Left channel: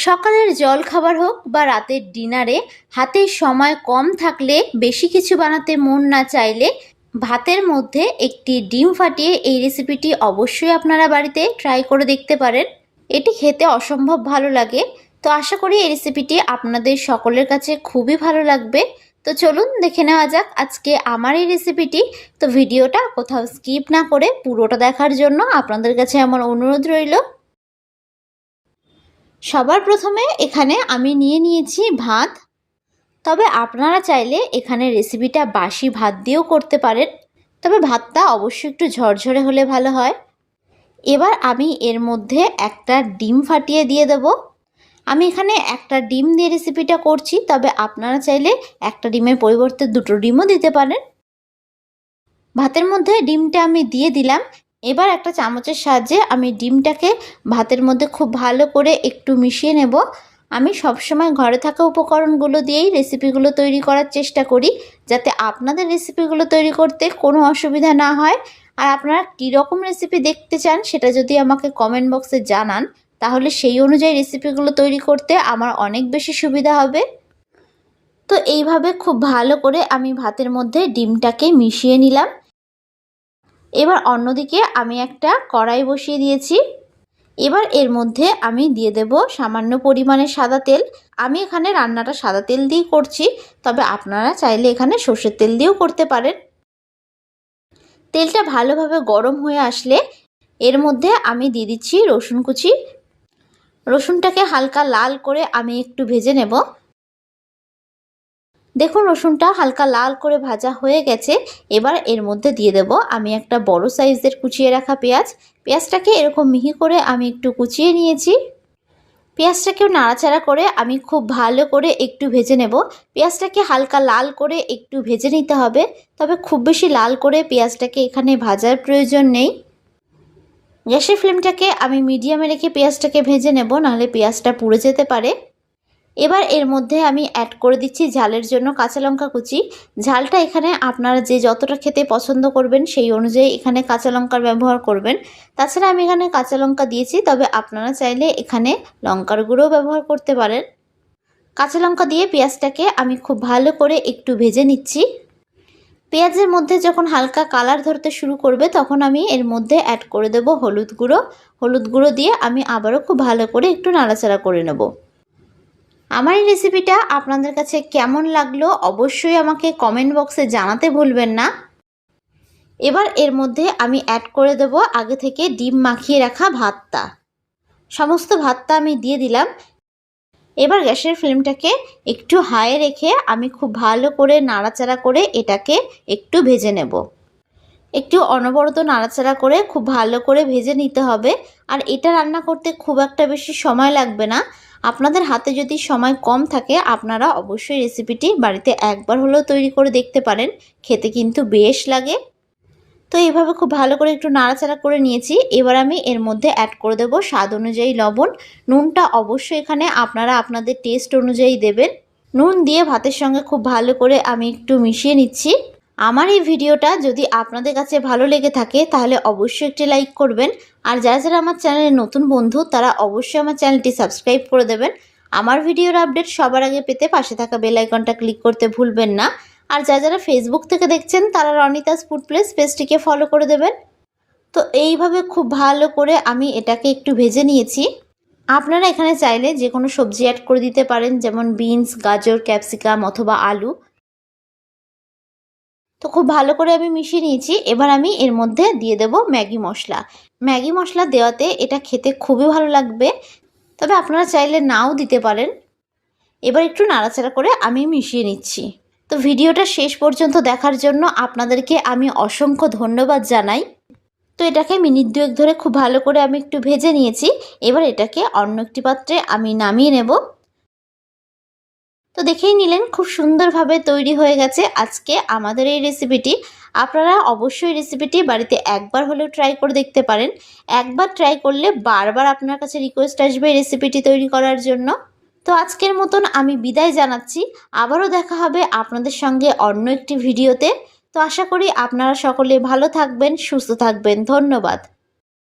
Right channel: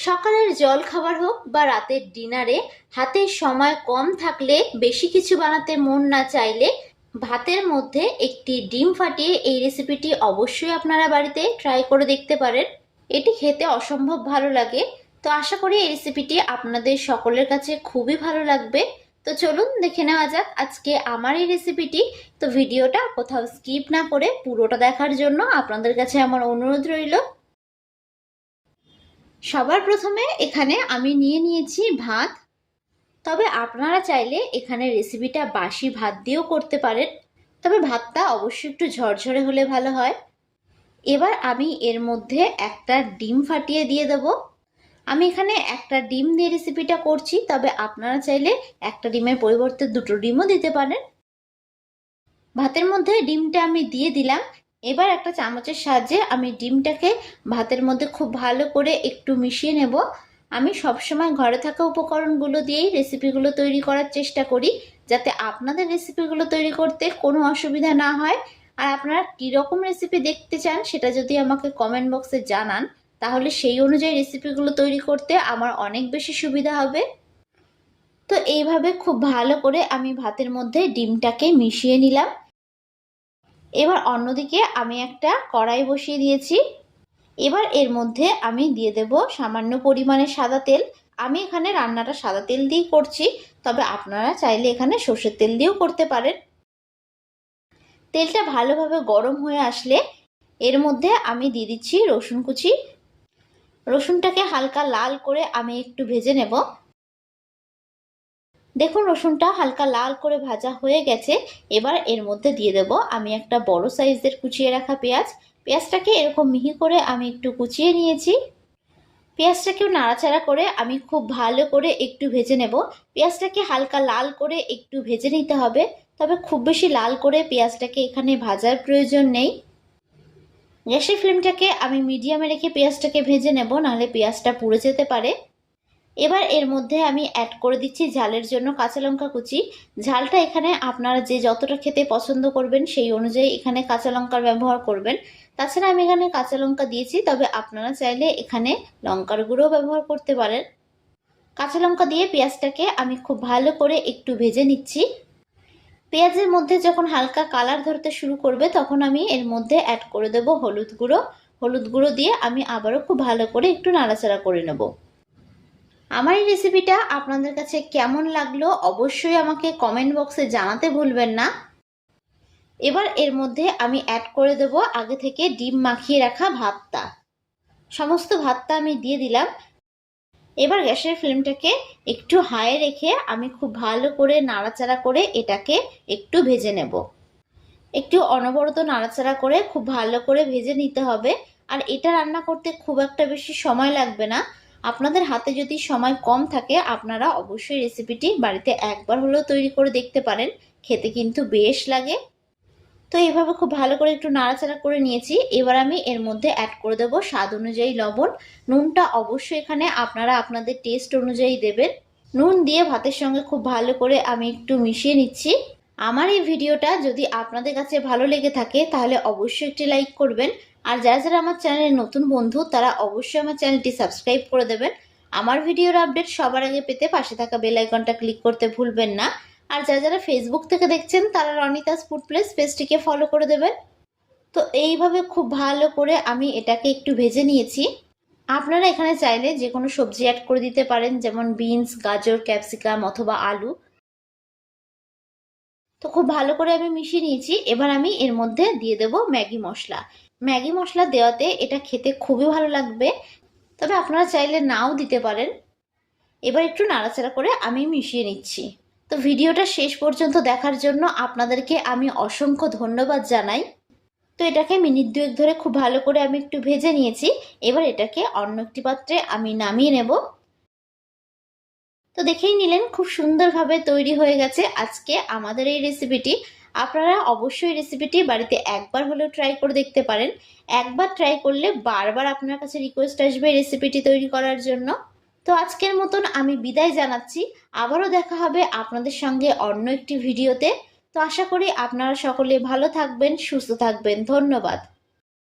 সকালের জল খাবার হোক বা রাতের ডিনারে হাতে সময় কম থাকলে বেশি কিছু বানাতে মন না চাইলে ভাতের মধ্যে একটি ডিম ফাটিয়ে এই রেসিপিটি অবশ্যই আপনারা বাড়িতে ট্রাই করে দেখতে পারেন। এটি খেতে অসম্ভব ভালো লাগে। তো আশা করি এই রেসিপিটি আপনাদের সকলের কাছে খুবই ভালো লাগবে। তো চলুন দেখে নেওয়া যাক আজকে আমার এই রেসিপিটি। তো ভিডিওটা কোথাও স্কিপ না করে পুরোটা দেখার জন্য আপনাদের কাছে আমার অনুরোধ রইল। সবার প্রথমে এখানে আমি নিয়ে নিয়েছি ভাত। তবে আপনারা চাইলে এখানে রেসিপিটা বাসি ভাত দিয়েও করতে পারেন। তবে ভাতটা অবশ্যই একটু ঝরঝরে হলে ভালো হয়। এবার আমি এর মধ্যে একটা ডিম ফাটিয়ে দিয়ে দেব। আমি এখানে একটা ডিম দিয়ে রেসিপিটা করছি, তবে আপনারা চাইলে একটা ডিমের পরিবর্তে দুটো ডিমও দিতে পারেন। ভাতের মধ্যে ডিমটা আমি দিয়ে দিলাম। এবার একটা চামচের সাহায্যে আমি ডিমটাকে ভাতের মধ্যে খুব ভালো করে একটু মিশিয়ে নেব। আমি সবসময় ঘরে থাকা উপকরণগুলো দিয়েই রেসিপিগুলো তৈরি করার চেষ্টা করি, যাতে আপনাদের রেসিপিগুলো তৈরি করতে কোনো অসুবিধা না হয়। আর আপনারা কীরকম রেসিপি দেখতে চান সেটা যদি আমাকে কমেন্ট বক্সে জানান, তাহলে সেই অনুযায়ী রেসিপিগুলো তৈরি করতে আমার অনেক বেশি সুবিধা হবে। তো এইভাবে খুব ভালো করে আমি ভাতের মধ্যে ডিমটাকে মিশিয়ে নিলাম। এবার অন্যদিকে আমি একটা কড়াই বসিয়ে দিয়েছি। এবার এর মধ্যে আমি দিয়ে দেব সামান্য পরিমাণে সাদা তেল। আমি এখানে রান্নাটা সাদা তেল দিয়েই করছি, তবে আপনারা চাইলে এখানে সর্ষের তেল দিয়েও করতে পারেন। তেলটা ভালোভাবে গরম হয়ে আসলে এর মধ্যে আমি দিয়ে দিচ্ছি রসুন কুচি। রসুনটাকে হালকা লাল করে আমি একটু ভেজে নেব। দেখুন, রসুনটা হালকা লাল করে ভাজা হয়ে গেছে। এবার এর মধ্যে দিয়ে দেব আমি একটা বড় সাইজের কুচিয়ে রাখা পেঁয়াজ। পেঁয়াজটাকে এরকম মিহি করে আমি একটু কুচিয়ে নিয়েছি। পেঁয়াজটাকেও নাড়াচাড়া করে আমি খুব ভালো করে একটু ভেজে নেব। পেঁয়াজটাকে হালকা লাল করে একটু ভেজে নিতে হবে, তবে খুব বেশি লাল করে পেঁয়াজটাকে এখানে ভাজার প্রয়োজন নেই। গ্যাসের ফ্লেমটাকে আমি মিডিয়ামে রেখে পেঁয়াজটাকে ভেজে নেব, নাহলে পেঁয়াজটা পুড়ে যেতে পারে। এবার এর মধ্যে আমি অ্যাড করে দিচ্ছি ঝালের জন্য কাঁচা লঙ্কা কুচি। ঝালটা এখানে আপনারা যে যতটা খেতে পছন্দ করবেন সেই অনুযায়ী এখানে কাঁচা লঙ্কার ব্যবহার করবেন। তাছাড়া আমি এখানে কাঁচা লঙ্কা দিয়েছি, তবে আপনারা চাইলে এখানে লঙ্কার গুঁড়ো ব্যবহার করতে পারেন। কাঁচা লঙ্কা দিয়ে পেঁয়াজটাকে আমি খুব ভালো করে একটু ভেজে নিচ্ছি। পেঁয়াজের মধ্যে যখন হালকা কালার ধরতে শুরু করবে, তখন আমি এর মধ্যে অ্যাড করে দেব হলুদ গুঁড়ো। হলুদ গুঁড়ো দিয়ে আমি আবারও খুব ভালো করে একটু নাড়াচাড়া করে নেব। আমার এই রেসিপিটা আপনাদের কাছে কেমন লাগল অবশ্যই আমাকে কমেন্ট বক্সে জানাতে ভুলবেন না। এবার এর মধ্যে আমি অ্যাড করে দেব আগে থেকে ডিম মাখিয়ে রাখা ভাতটা। সমস্ত ভাতটা আমি দিয়ে দিলাম। এবার গ্যাসের ফ্লেমটাকে একটু হাই রেখে আমি খুব ভালো করে নাড়াচাড়া করে এটাকে একটু ভেজে নেব। একটু অনবরত নাড়াচাড়া করে খুব ভালো করে ভেজে নিতে হবে। আর এটা রান্না করতে খুব একটা বেশি সময় লাগবে না। আপনাদের হাতে যদি সময় কম থাকে, আপনারা অবশ্যই রেসিপিটি বাড়িতে একবার হলেও তৈরি করে দেখতে পারেন। খেতে কিন্তু বেশ লাগে। তো এভাবে খুব ভালো করে একটু নাড়াচাড়া করে নিয়েছি। এবার আমি এর মধ্যে অ্যাড করে দেবো স্বাদ অনুযায়ী লবণ। নুনটা অবশ্যই এখানে আপনারা আপনাদের টেস্ট অনুযায়ী দেবেন। নুন দিয়ে ভাতের সঙ্গে খুব ভালো করে আমি একটু মিশিয়ে নিচ্ছি। আমার এই ভিডিওটা যদি আপনাদের কাছে ভালো লেগে থাকে, তাহলে অবশ্যই একটি লাইক করবেন। আর যারা যারা আমার চ্যানেলের নতুন বন্ধু, তারা অবশ্যই আমার চ্যানেলটি সাবস্ক্রাইব করে দেবেন। আমার ভিডিওর আপডেট সবার আগে পেতে পাশে থাকা বেল আইকনটা ক্লিক করতে ভুলবেন না। আর যারা যারা ফেসবুক থেকে দেখছেন, তারা রনিতাস ফুড প্লেস পেজটিকে ফলো করে দেবেন। তো এইভাবে খুব ভালো করে আমি এটাকে একটু ভেজে নিয়েছি। আপনারা এখানে চাইলে যে কোনো সবজি অ্যাড করে দিতে পারেন, যেমন বিনস গাজর ক্যাপসিকাম অথবা আলু। তো খুব ভালো করে আমি মিশিয়ে নিয়েছি। এবার আমি এর মধ্যে দিয়ে দেব ম্যাগি মশলা। ম্যাগি মশলা দেওয়াতে এটা খেতে খুবই ভালো লাগবে। তবে আপনারা চাইলে নাও দিতে পারেন। এবার একটু নাড়াচাড়া করে আমি মিশিয়ে নিচ্ছি। তো ভিডিওটা শেষ পর্যন্ত দেখার জন্য আপনাদেরকে আমি অসংখ্য ধন্যবাদ জানাই। তো এটাকে মিনিট দুয়েক ধরে খুব ভালো করে আমি একটু ভেজে নিয়েছি। এবার এটাকে অন্য একটি পাত্রে আমি নামিয়ে নেব। তো দেখেই নিলেন, খুব সুন্দরভাবে তৈরি হয়ে গেছে আজকে আমাদের এই রেসিপিটি আপনারা অবশ্যই রেসিপিটি বাড়িতে একবার হলেও ট্রাই করে দেখতে পারেন। একবার ট্রাই করলে বারবার আপনার কাছে রিকোয়েস্ট আসবে এই রেসিপিটি তৈরি করার জন্য। তো আজকের মতন আমি বিদায় জানাচ্ছি। আবারও দেখা হবে আপনাদের সঙ্গে অন্য একটি ভিডিওতে তো আশা করি আপনারা সকলে ভালো থাকবেন, সুস্থ থাকবেন। ধন্যবাদ।